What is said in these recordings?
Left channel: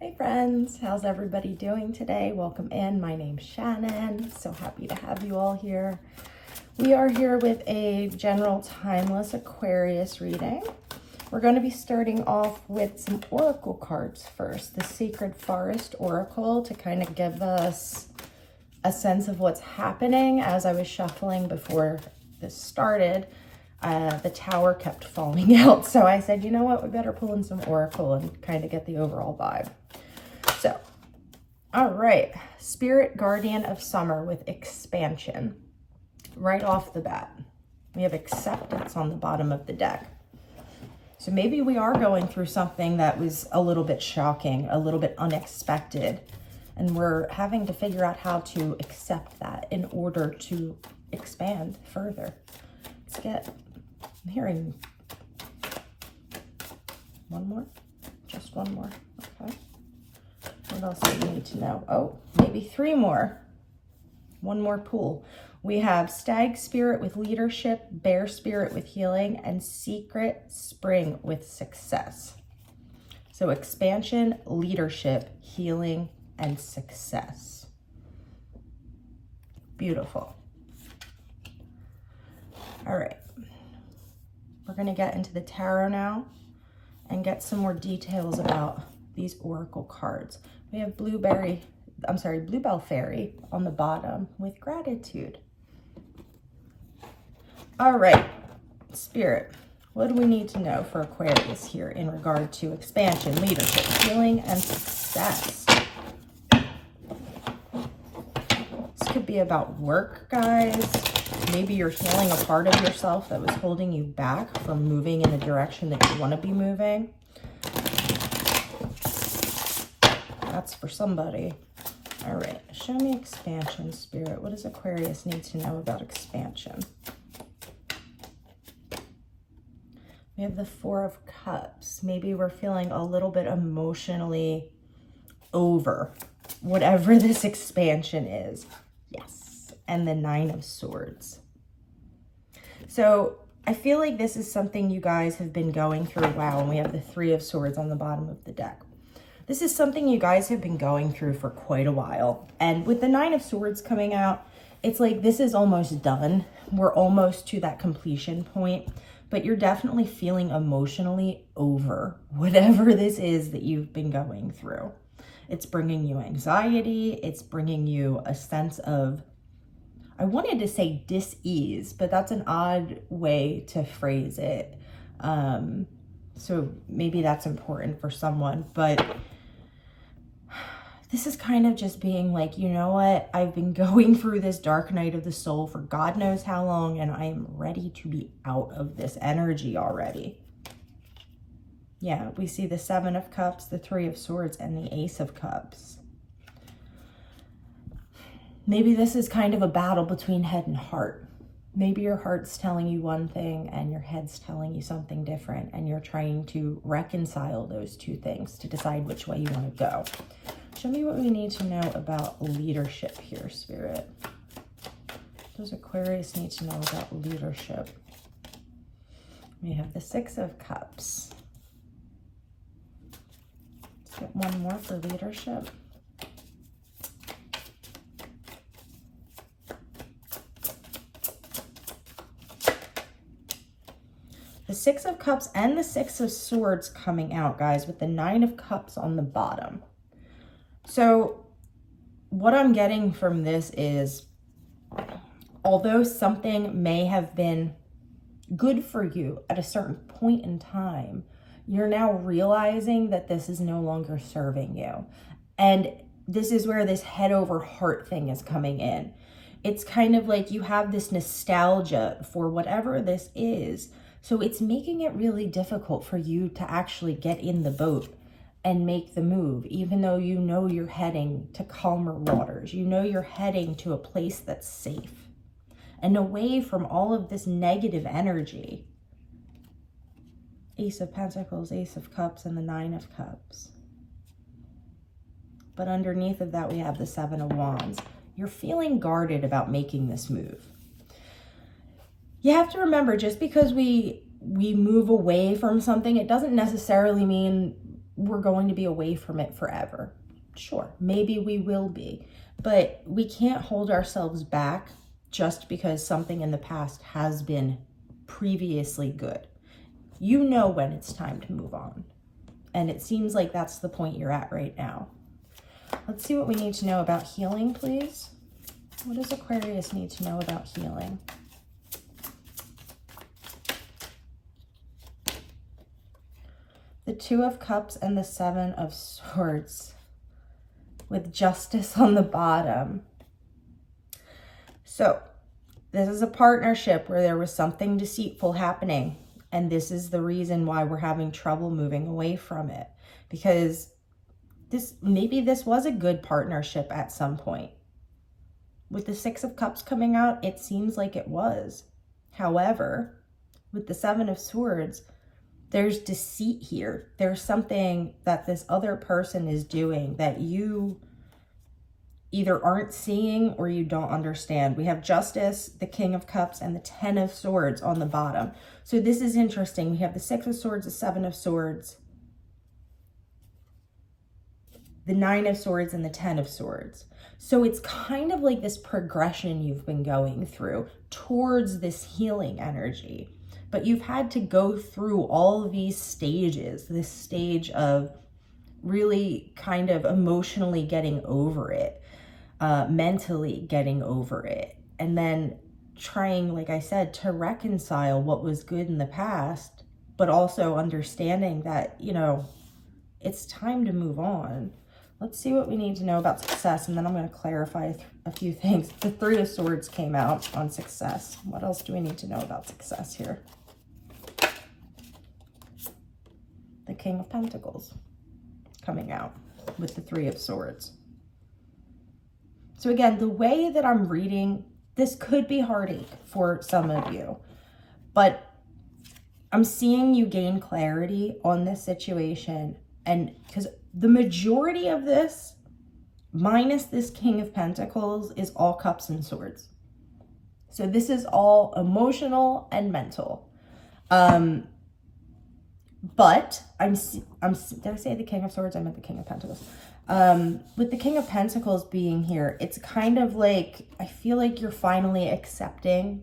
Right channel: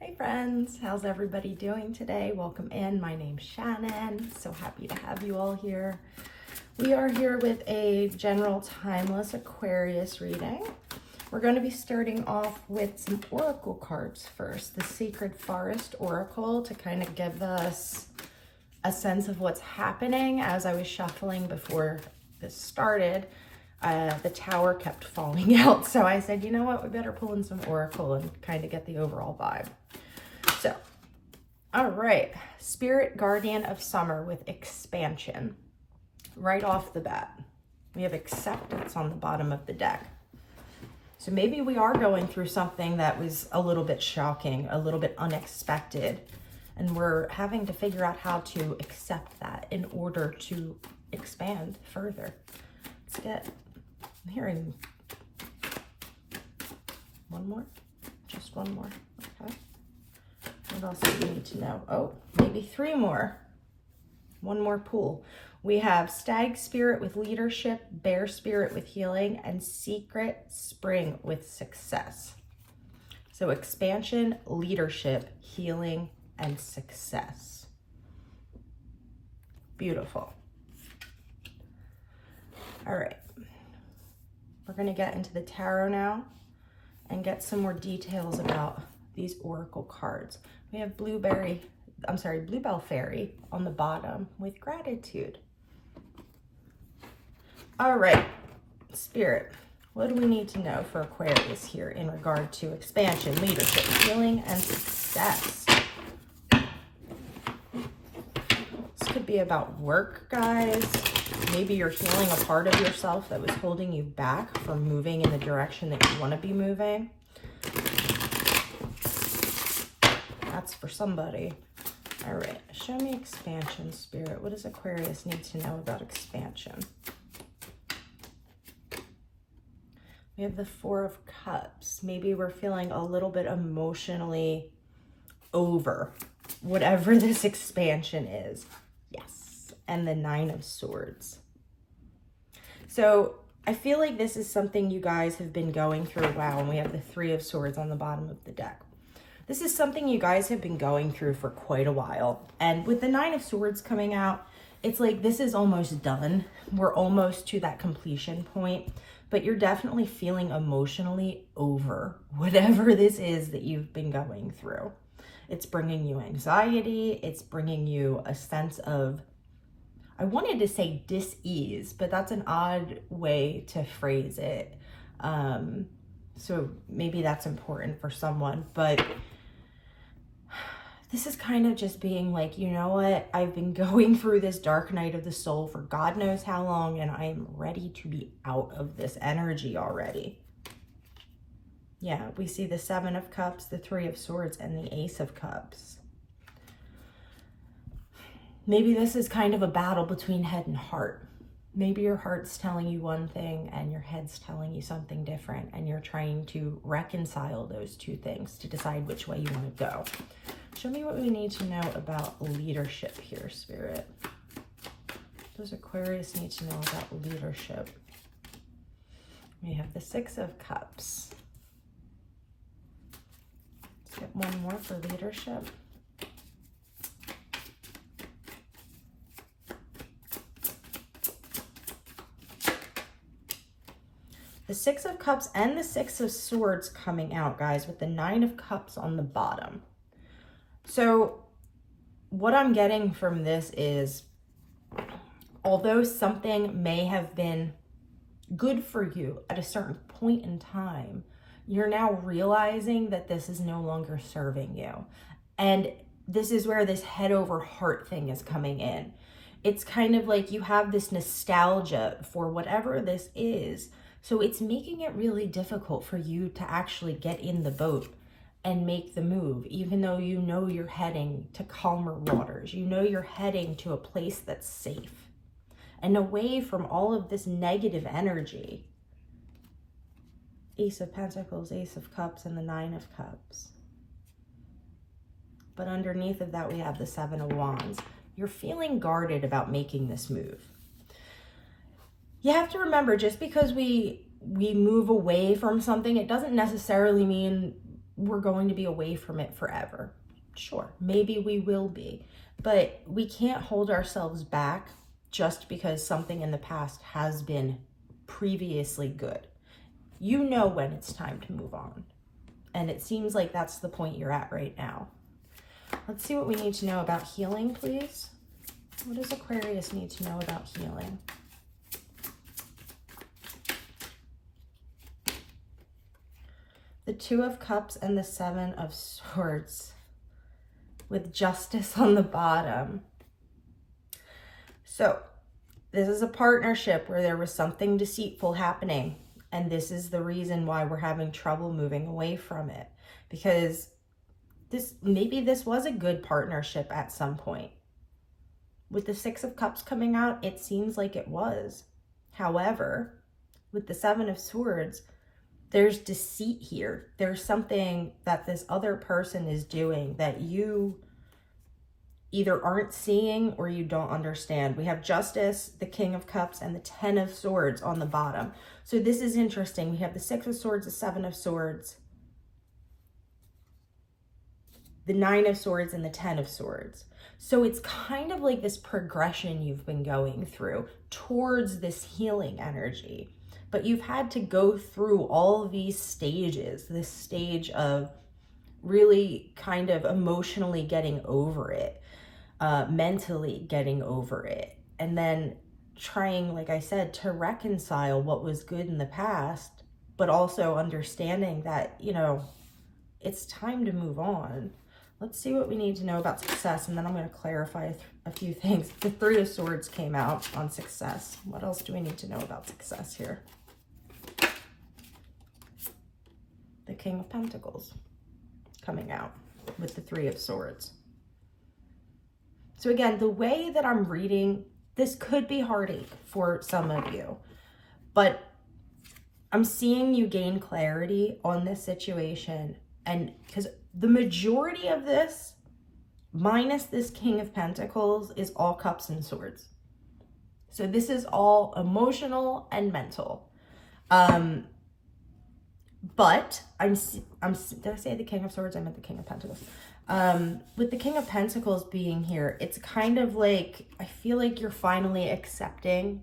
Hey friends, how's everybody doing today? Welcome in. My name's Shannon. So happy to have you all here. We are here with a general timeless Aquarius reading. We're going to be starting off with some oracle cards first. The Sacred Forest Oracle to kind of give us a sense of what's happening. As I was shuffling before this started, the tower kept falling out. So I said, you know what, we better pull in some oracle and kind of get the overall vibe. So, all right, Spirit Guardian of Summer with expansion. Right off the bat, we have acceptance on the bottom of the deck. So maybe we are going through something that was a little bit shocking, a little bit unexpected, and we're having to figure out how to accept that in order to expand further. Let's get, I'm hearing one more, just one more, okay. What else do we need to know? Oh, maybe three more. One more pool. We have Stag Spirit with leadership, Bear Spirit with healing, and Secret Spring with success. So expansion, leadership, healing, and success. Beautiful. All right. We're going to get into the tarot now and get some more details about these oracle cards. We have Bluebell Fairy on the bottom with gratitude. All right, Spirit, what do we need to know for Aquarius here in regard to expansion, leadership, healing, and success? This could be about work, guys. Maybe you're healing a part of yourself that was holding you back from moving in the direction that you want to be moving. That's for somebody. All right, show me expansion, Spirit. What does Aquarius need to know about expansion? We have the Four of Cups. Maybe we're feeling a little bit emotionally over whatever this expansion is. Yes. And the Nine of Swords. So I feel like this is something you guys have been going through. Wow, and we have the Three of Swords on the bottom of the deck. This is something you guys have been going through for quite a while. And with the Nine of Swords coming out, it's like this is almost done. We're almost to that completion point. But you're definitely feeling emotionally over whatever this is that you've been going through. It's bringing you anxiety. It's bringing you a sense of, I wanted to say dis-ease, but that's an odd way to phrase it. So maybe that's important for someone, but this is kind of just being like, you know what? I've been going through this dark night of the soul for God knows how long, and I am ready to be out of this energy already. Yeah, we see the Seven of Cups, the Three of Swords, and the Ace of Cups. Maybe this is kind of a battle between head and heart. Maybe your heart's telling you one thing and your head's telling you something different, and you're trying to reconcile those two things to decide which way you want to go. Show me what we need to know about leadership here, Spirit. What does Aquarius need to know about leadership? We have the Six of Cups. Let's get one more for leadership. The Six of Cups and the Six of Swords coming out, guys, with the Nine of Cups on the bottom. So what I'm getting from this is, although something may have been good for you at a certain point in time, you're now realizing that this is no longer serving you. And this is where this head over heart thing is coming in. It's kind of like you have this nostalgia for whatever this is. So it's making it really difficult for you to actually get in the boat and make the move, even though you know you're heading to calmer waters. You know you're heading to a place that's safe and away from all of this negative energy. Ace of Pentacles, Ace of Cups, and the Nine of Cups. But underneath of that, we have the Seven of Wands. You're feeling guarded about making this move. You have to remember, just because we move away from something, it doesn't necessarily mean we're going to be away from it forever. Sure, maybe we will be, but we can't hold ourselves back just because something in the past has been previously good. You know when it's time to move on. And it seems like that's the point you're at right now. Let's see what we need to know about healing, please. What does Aquarius need to know about healing? The Two of Cups and the Seven of Swords with Justice on the bottom. So this is a partnership where there was something deceitful happening. And this is the reason why we're having trouble moving away from it. Because maybe this was a good partnership at some point. With the Six of Cups coming out, it seems like it was. However, with the Seven of Swords, there's deceit here. There's something that this other person is doing that you either aren't seeing or you don't understand. We have Justice, the King of Cups, and the Ten of Swords on the bottom. So this is interesting. We have the Six of Swords, the Seven of Swords, the Nine of Swords, and the Ten of Swords. So it's kind of like this progression you've been going through towards this healing energy. But you've had to go through all of these stages, this stage of really kind of emotionally getting over it, mentally getting over it, and then trying, like I said, to reconcile what was good in the past, but also understanding that, you know, it's time to move on. Let's see what we need to know about success, and then I'm going to clarify a few things. The Three of Swords came out on success. What else do we need to know about success here? The King of Pentacles coming out with the Three of Swords. So again, the way that I'm reading, this could be heartache for some of you, but I'm seeing you gain clarity on this situation. And because the majority of this, minus this King of Pentacles, is all cups and swords. So this is all emotional and mental. But did I say the King of Swords? I meant the King of Pentacles. With the King of Pentacles being here, it's kind of like, I feel like you're finally accepting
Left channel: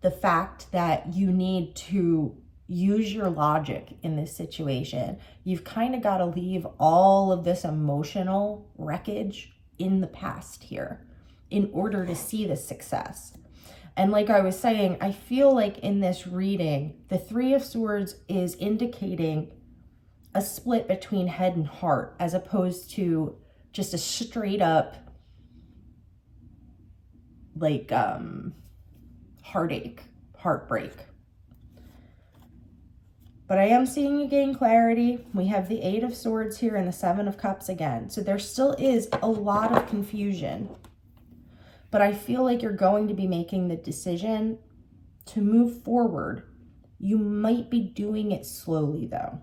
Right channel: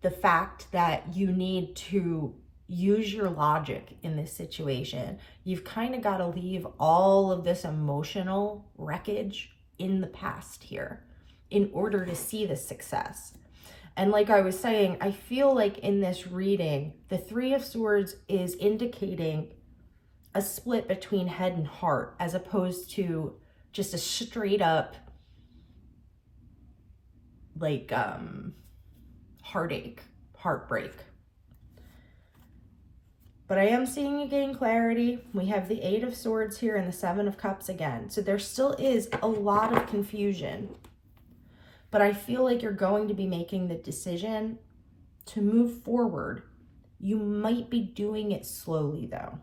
the fact that you need to use your logic in this situation. You've kind of got to leave all of this emotional wreckage in the past here in order to see the success. And like I was saying, I feel like in this reading, the Three of Swords is indicating a split between head and heart, as opposed to just a straight up like heartache, heartbreak. But I am seeing you gain clarity. We have the Eight of Swords here and the Seven of Cups again. So there still is a lot of confusion. But I feel like you're going to be making the decision to move forward. You might be doing it slowly though.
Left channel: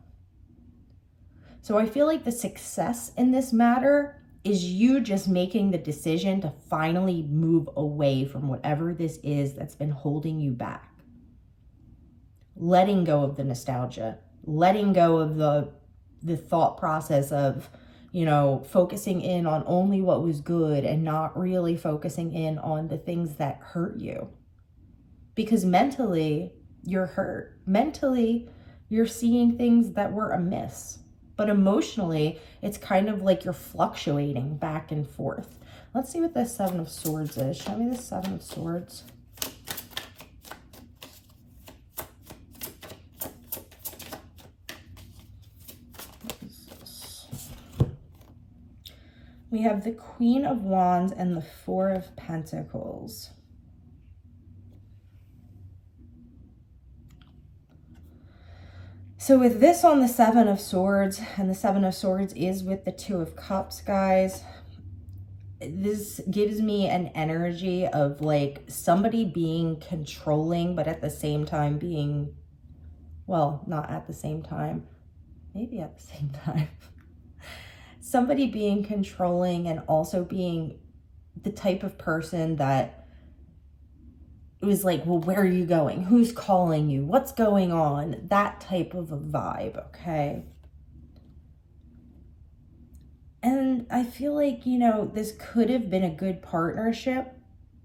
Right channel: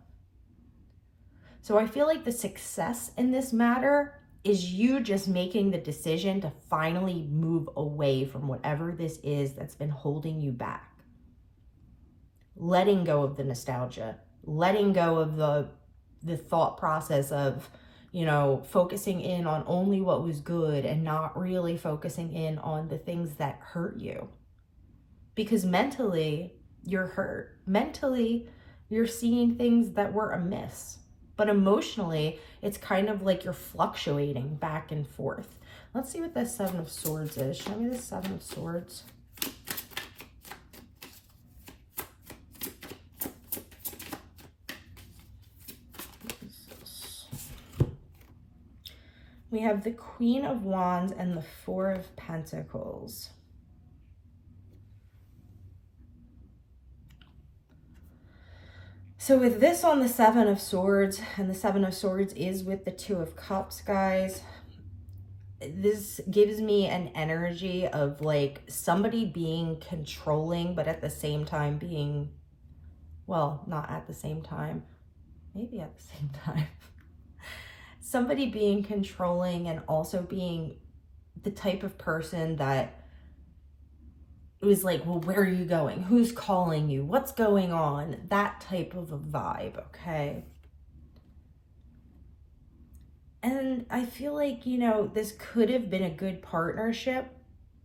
So I feel like the success in this matter is you just making the decision to finally move away from whatever this is that's been holding you back. Letting go of the nostalgia, letting go of the thought process of, you know, focusing in on only what was good and not really focusing in on the things that hurt you. Because mentally, you're hurt. Mentally, you're seeing things that were amiss. But emotionally, it's kind of like you're fluctuating back and forth. Let's see what the Seven of Swords is. Show me the Seven of Swords. We have the Queen of Wands and the Four of Pentacles. So with this on the Seven of Swords, and the Seven of Swords is with the Two of Cups, guys, this gives me an energy of like somebody being controlling, but at the same time being, well, not at the same time, maybe at the same time. Somebody being controlling and also being the type of person that was like, well, where are you going? Who's calling you? What's going on? That type of a vibe, okay? I feel like, you know, this could have been a good partnership,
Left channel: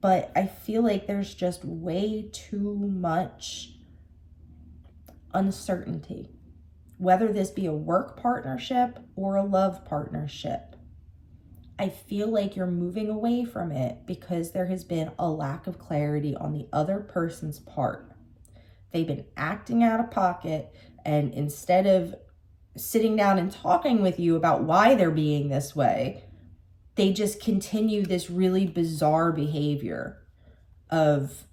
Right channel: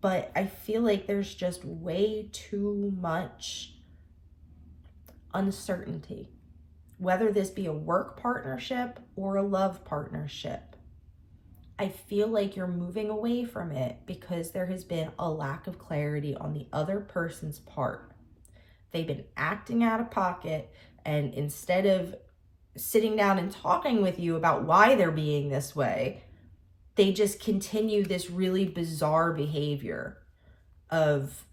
but I feel like there's just way too much uncertainty, whether this be a work partnership or a love partnership. I feel like you're moving away from it because there has been a lack of clarity on the other person's part. They've been acting out of pocket, and instead of sitting down and talking with you about why they're being this way, they just continue this really bizarre behavior of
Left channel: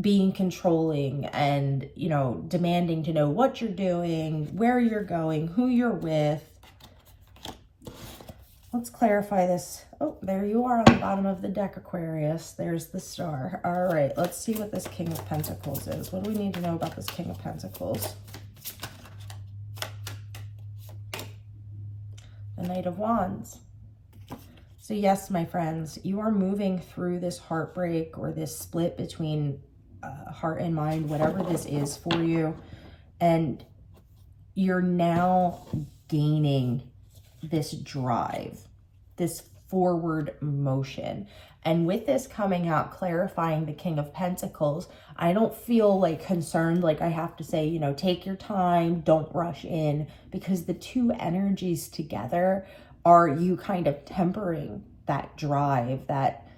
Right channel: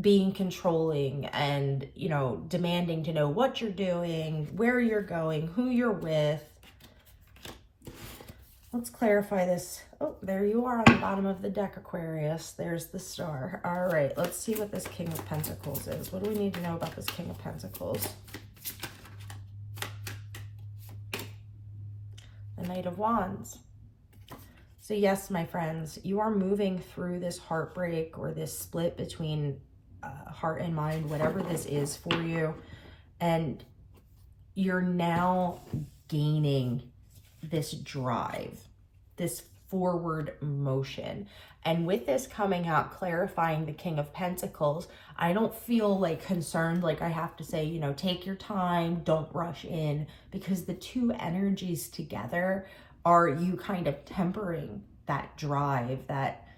being controlling and, you know, demanding to know what you're doing, where you're going, who you're with. Let's clarify this. Oh, there you are on the bottom of the deck, Aquarius. There's the star. All right, let's see what this King of Pentacles is. What do we need to know about this King of Pentacles? The Knight of Wands. So yes, my friends, you are moving through this heartbreak or this split between heart and mind, whatever this is for you. And you're now gaining this drive, this forward motion. And with this coming out, clarifying the King of Pentacles, I don't feel like concerned, like I have to say, you know, take your time, don't rush in, because the two energies together are you kind of tempering that drive, that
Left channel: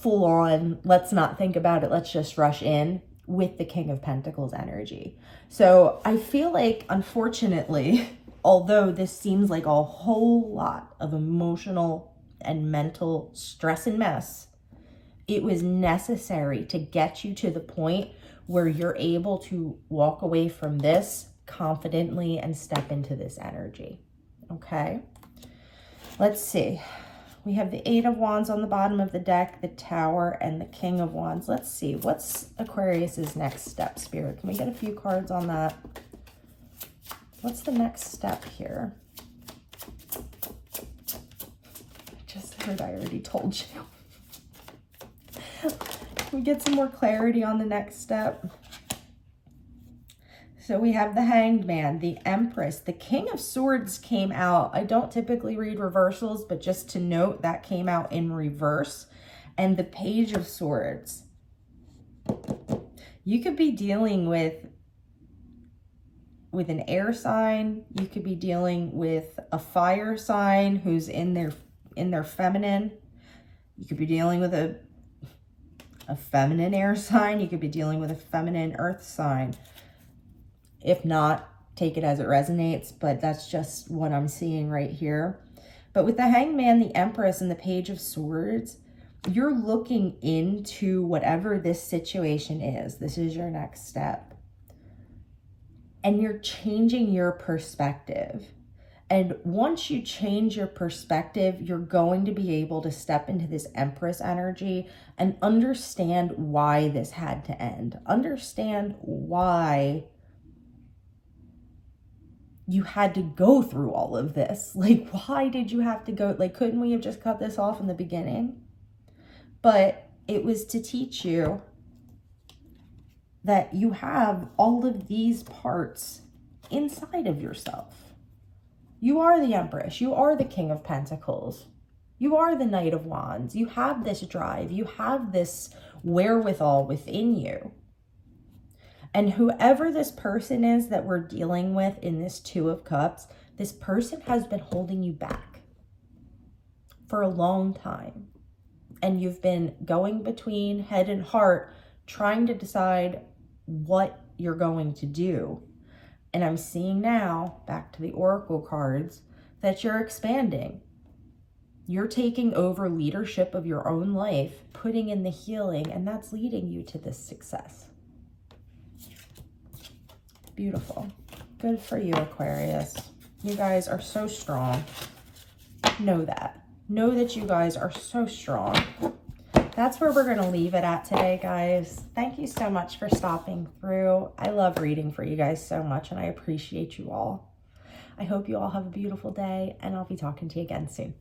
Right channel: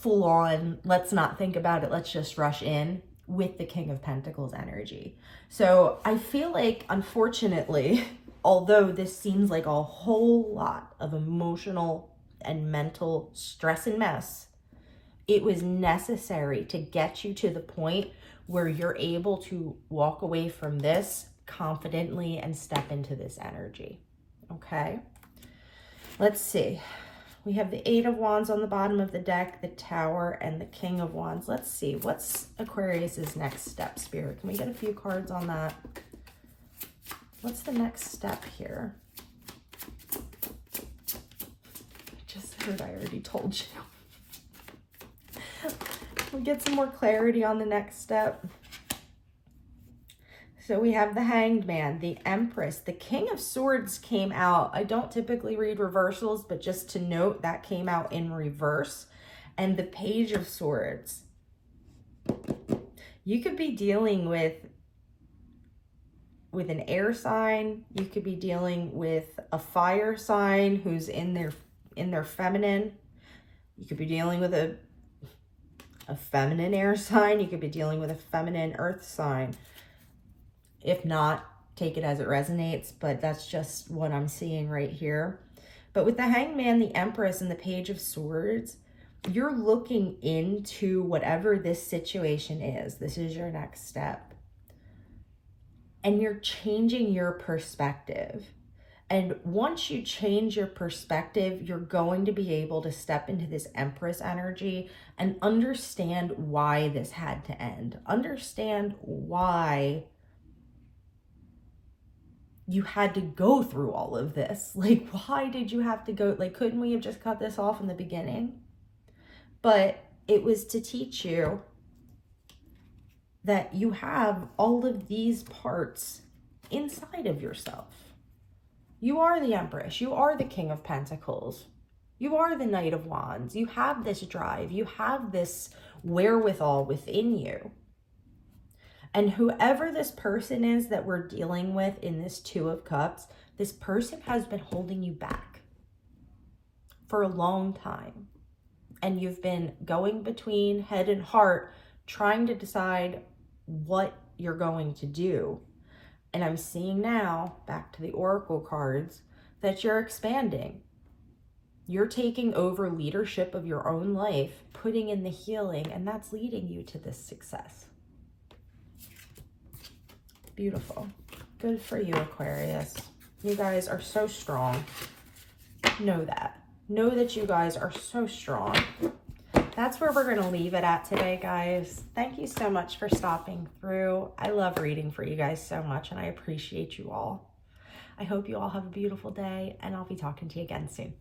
full on, let's not think about it, let's just rush in, with the King of Pentacles energy. So I feel like, unfortunately, although this seems like a whole lot of emotional and mental stress and mess, it was necessary to get you to the point where you're able to walk away from this confidently and step into this energy. Okay, let's see. We have the Eight of Wands on the bottom of the deck, the Tower, and the King of Wands. Let's see, what's Aquarius's next step, Spirit? Can we get a few cards on that? What's the next step here? I just heard I already told you. Can we get some more clarity on the next step? So we have the Hanged Man, the Empress, the King of Swords came out. I don't typically read reversals, but just to note, that came out in reverse. And the Page of Swords. You could be dealing with an air sign. You could be dealing with a fire sign who's in their feminine. You could be dealing with a feminine air sign. You could be dealing with a feminine earth sign. If not, take it as it resonates, but that's just what I'm seeing right here. But with the Hanged Man, the Empress, and the Page of Swords, you're looking into whatever this situation is. This is your next step. And you're changing your perspective. And once you change your perspective, you're going to be able to step into this Empress energy and understand why this had to end. Understand why you had to go through all of this. Like, why did you have to go? Like, couldn't we have just cut this off in the beginning? But it was to teach you that you have all of these parts inside of yourself. You are the Empress. You are the King of Pentacles. You are the Knight of Wands. You have this drive. You have this wherewithal within you. And whoever this person is that we're dealing with in this Two of Cups, this person has been holding you back for a long time. And you've been going between head and heart, trying to decide what you're going to do. And I'm seeing now, back to the Oracle cards, that you're expanding. You're taking over leadership of your own life, putting in the healing, and that's leading you to this success. Beautiful. Good for you, Aquarius. You guys are so strong. Know that. Know that you guys are so strong. That's where we're going to leave it at today, guys. Thank you so much for stopping through. I love reading for you guys so much, and I appreciate you all. I hope you all have a beautiful day, and I'll be talking to you again soon.